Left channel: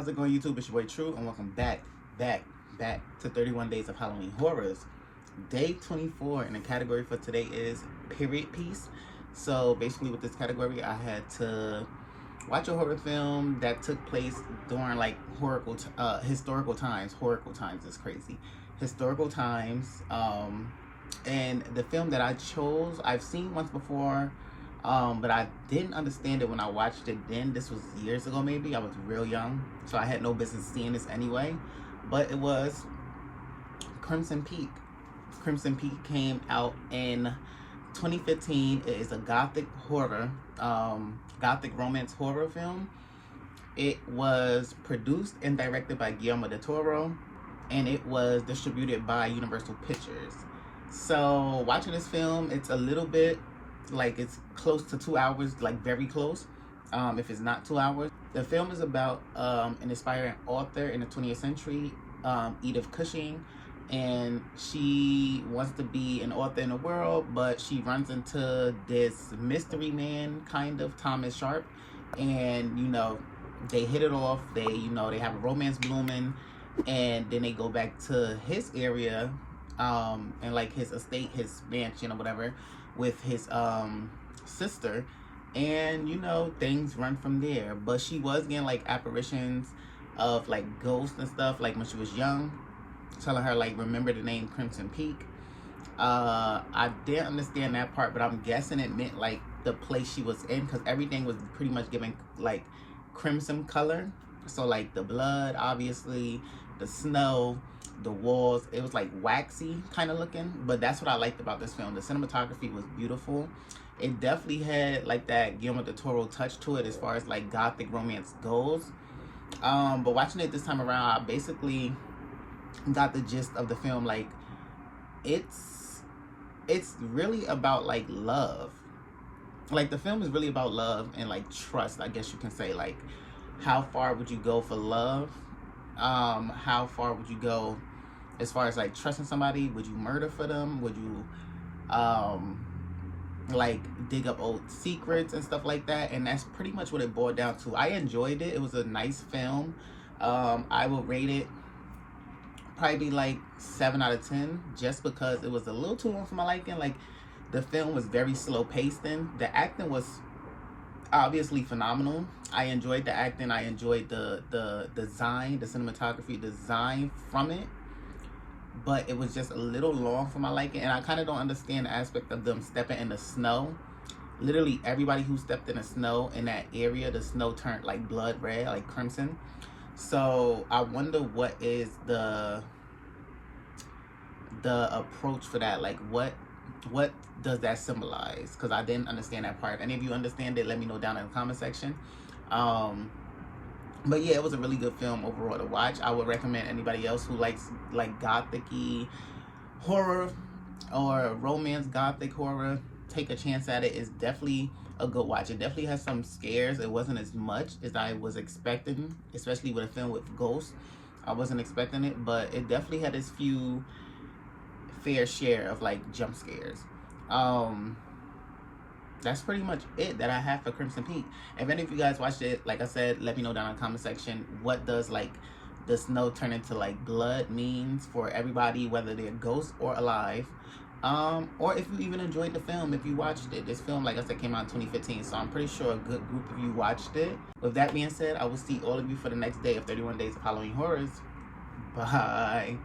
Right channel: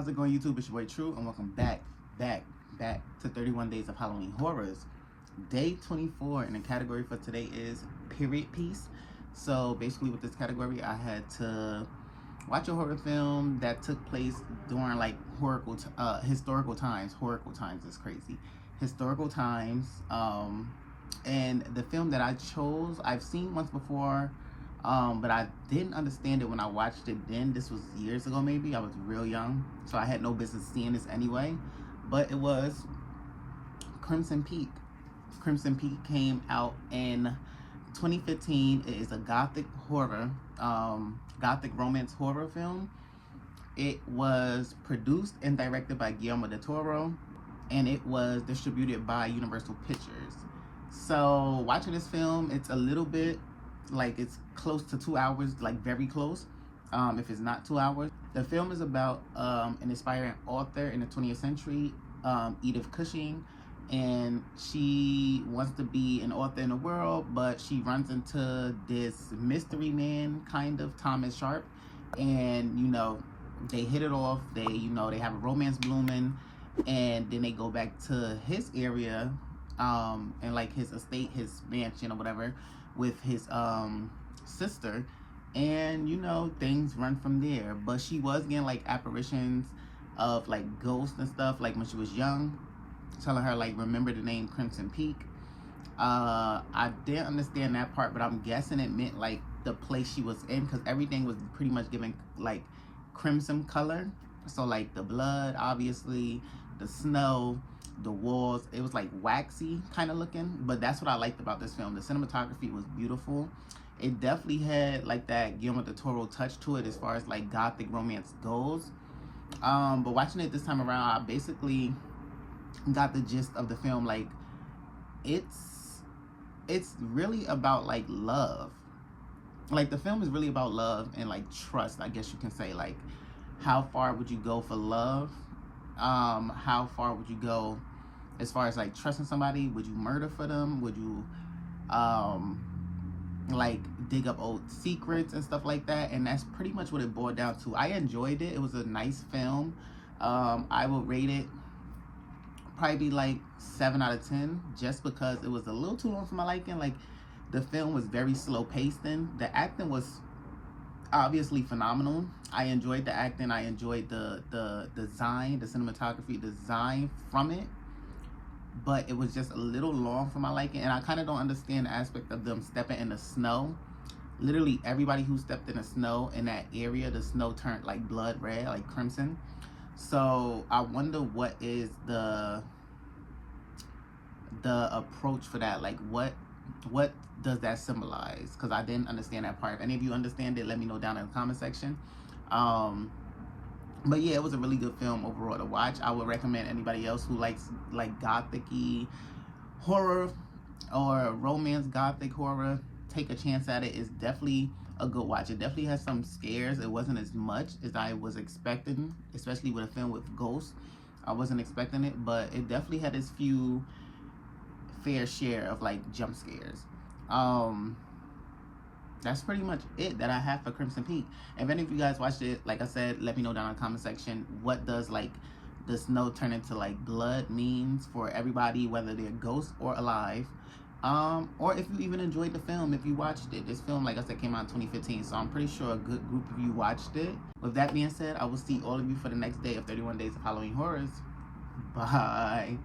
How's it going, YouTube? It's your boy True, and welcome back to 31 Days of Halloween Horrors. Day 24, and the category for today is period piece. So basically with this category, I had to watch a horror film that took place during like historical times. Historical times is crazy. Historical times. And the film that I chose, I've seen once before, but I didn't understand it when I watched it then. This was years ago maybe. I was real young, so I had no business seeing this anyway. But it was Crimson Peak. Crimson Peak came out in 2015. It is a gothic horror, gothic romance horror film. It was produced and directed by Guillermo del Toro, and it was distributed by Universal Pictures. So watching this film, it's a little bit like it's close to 2 hours, like very close, if it's not 2 hours. The film is about an inspiring author in the 20th century, Edith Cushing, and she wants to be an author in the world, but she runs into this mystery man, kind of Thomas Sharp, and you know, they hit it off. They, you know, they have a romance blooming, and then they go back to his area, and like his estate, his mansion or whatever, with his sister, and you know, things run from there. But she was getting like apparitions of like ghosts and stuff, like when she was young, telling her like, remember the name Crimson Peak. I didn't understand that part, but I'm guessing it meant like the place she was in, because everything was pretty much giving like crimson color. So like the blood, obviously, the snow, the walls, it was like waxy kind of looking. But that's what I liked about this film. The cinematography was beautiful. It definitely had like that Guillermo del Toro touch to it as far as like gothic romance goes. But watching it this time around, I basically got the gist of the film. Like it's really about like love. Like the film is really about love and like trust, I guess you can say. Like, how far would you go for love? How far would you go as far as like trusting somebody? Would you murder for them? Would you like dig up old secrets and stuff like that? And that's pretty much what it boiled down to. I enjoyed it. It was a nice film. I will rate it probably like 7 out of 10, just because it was a little too long for my liking. Like the film was very slow paced, and the acting was obviously phenomenal. I enjoyed the acting. I enjoyed the design, the cinematography design from it, but it was just a little long for my liking. And I kind of don't understand the aspect of them stepping in the snow. Literally everybody who stepped in the snow in that area, the snow turned like blood red, like crimson. So I wonder what is the approach for that. Like what does that symbolize? Because I didn't understand that part. If any of you understand it, let me know down in the comment section. But yeah, it was a really good film overall to watch. I would recommend anybody else who likes like gothic-y horror or romance gothic horror, take a chance at it. It's definitely a good watch. It definitely has some scares. It wasn't as much as I was expecting, especially with a film with ghosts. I wasn't expecting it, but it definitely had its few fair share of like jump scares. That's pretty much it that I have for Crimson Peak. If any of you guys watched it, like I said, let me know down in the comment section. What does like the snow turn into like blood means for everybody, whether they're ghosts or alive. Or if you even enjoyed the film, if you watched it. This film, like I said, came out in 2015, so I'm pretty sure a good group of you watched it. With that being said, I will see all of you for the next day of 31 Days of Halloween Horrors. Bye.